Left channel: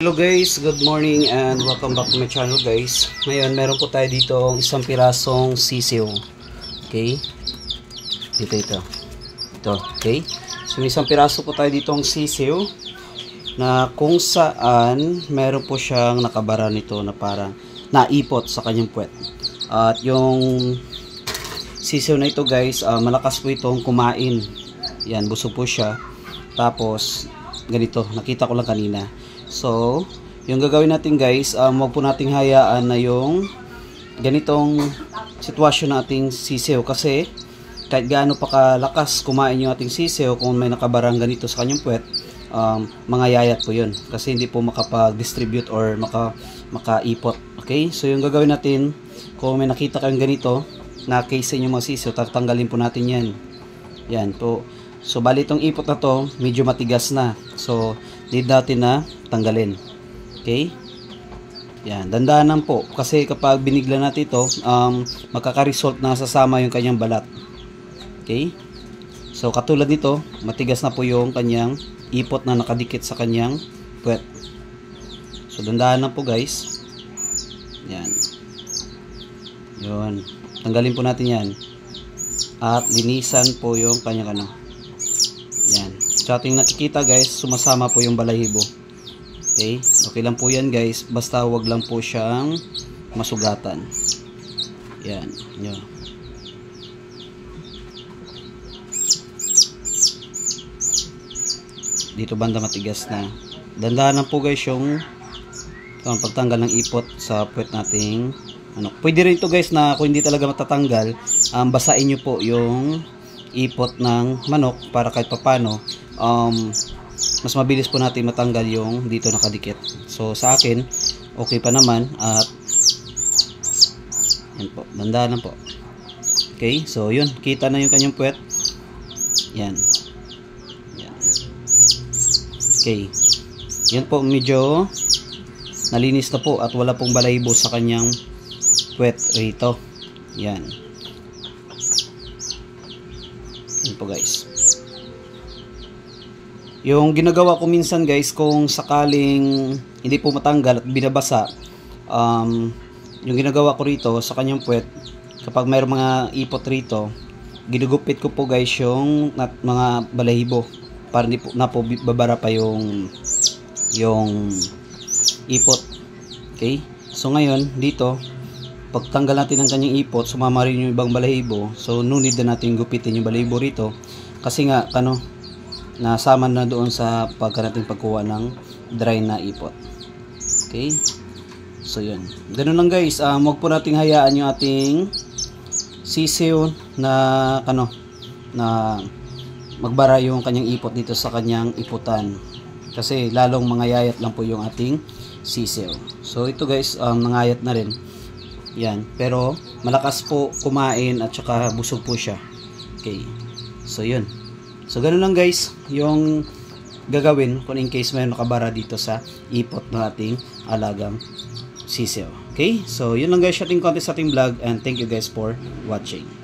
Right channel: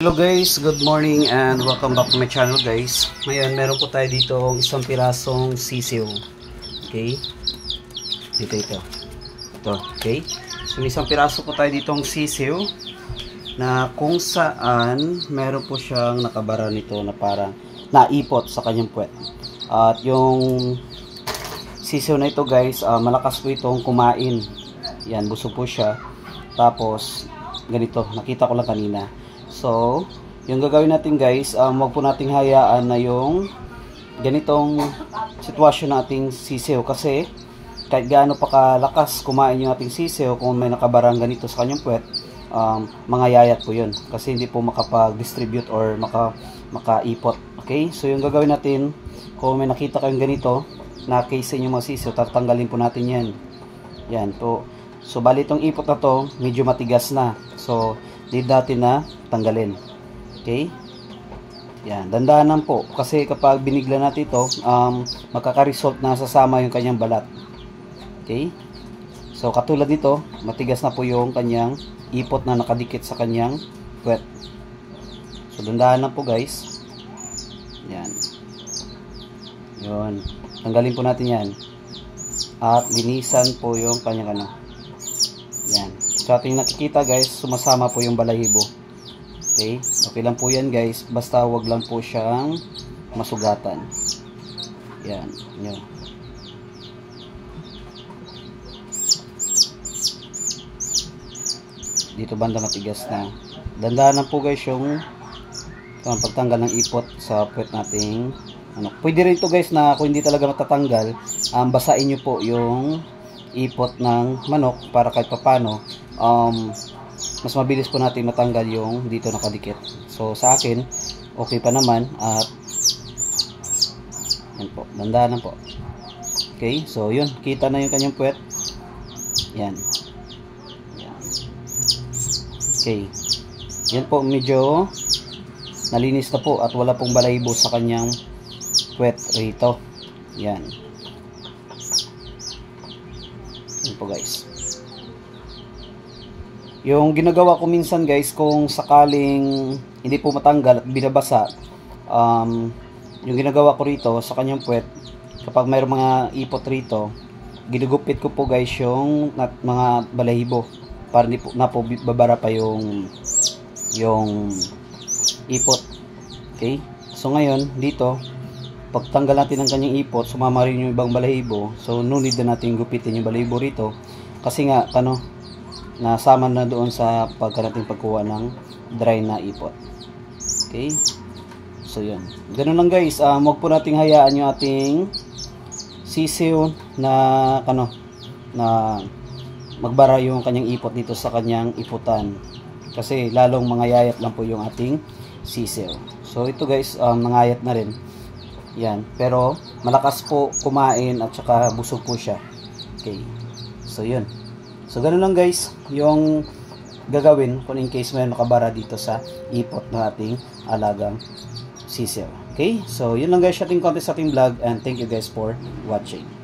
Hello guys, good morning and welcome back to my channel guys. Ngayon meron po tayo dito isang pirasong sisiw. Okay? Ito. Okay? So isang piraso po tayo dito ng sisiw na kung saan meron po siyang nakabara nito na parang naipot sa kanyang puwet. At yung sisiw na ito guys, malakas po itong kumain. Yan, busog po siya. Tapos ganito, nakita ko lang kanina. So, yung gagawin natin guys, wag po nating hayaan na yung ganitong sitwasyon nating sisiw kasi kahit gaano pa kalakas kumain yung ating sisiw, kung may nakabarang ganito sa kanyang puwet, mangayayat po yun kasi hindi po makapag-distribute or makaipot. Okay? So, yung gagawin natin, kung may nakita kayong ganito na case yung mga sisiw, tatanggalin po natin yan. Yan po. So, bali itong ipot na to, medyo matigas na. So, need natin na tanggalin. Okay? Yan, dandanan po. Kasi kapag binigla natin ito, makaka-result na sasama yung kanyang balat. Okay? So, katulad nito, matigas na po yung kanyang ipot na nakadikit sa kanyang puwet. So, dandanan po guys. Yan. Yun. Tanggalin po natin yan. At linisan po yung kanyang ano. Yan. Sa ating nakikita guys, sumasama po yung balahibo. Okay? Okay lang po yan guys. Basta wag lang po siyang masugatan. Yan. Yan. Dito banda matigas na. Dandanan po guys yung pagtanggal ng ipot sa puwet nating ano. Pwede rin ito guys na kung hindi talaga matatanggal, basain nyo po yung ipot ng manok para kahit papano mas mabilis po natin matanggal yung dito nakadikit. So sa akin okay pa naman at yan po, dandanan po. Okay, so yun, kita na yung kanyang puwet. Yan. Okay, yan po, medyo nalinis na po at wala pong balahibo sa kanyang puwet rito. Yan. Yan po guys. Yung ginagawa ko minsan guys, kung sakaling hindi po matanggal at binabasa, yung ginagawa ko rito sa kanyang puwet, kapag mayroong mga ipot rito, ginugupit ko po guys yung mga balahibo para hindi po, na po babara pa yung ipot. Okay? So ngayon, dito, pagtanggal natin ng kanyang ipot, sumama rin yung ibang balahibo. So no need na natin gupitin yung balahibo rito kasi nga, nasama na doon sa nating pagkuha ng dry na ipot. Okay? So yun. Ganun lang guys. Wag po nating hayaan yung ating sisiw na na magbara yung kanyang ipot dito sa kanyang iputan. Kasi lalong mangayayat lang po yung ating sisiw. So ito guys, nangayat na rin. Yan. Pero malakas po kumain at saka busog po siya. Okay. So yun. So ganun lang guys yung gagawin kung in case may nakabara dito sa ipot ng ating alagang sisiw. Okay? So yun lang guys, ating content sa ating vlog and thank you guys for watching.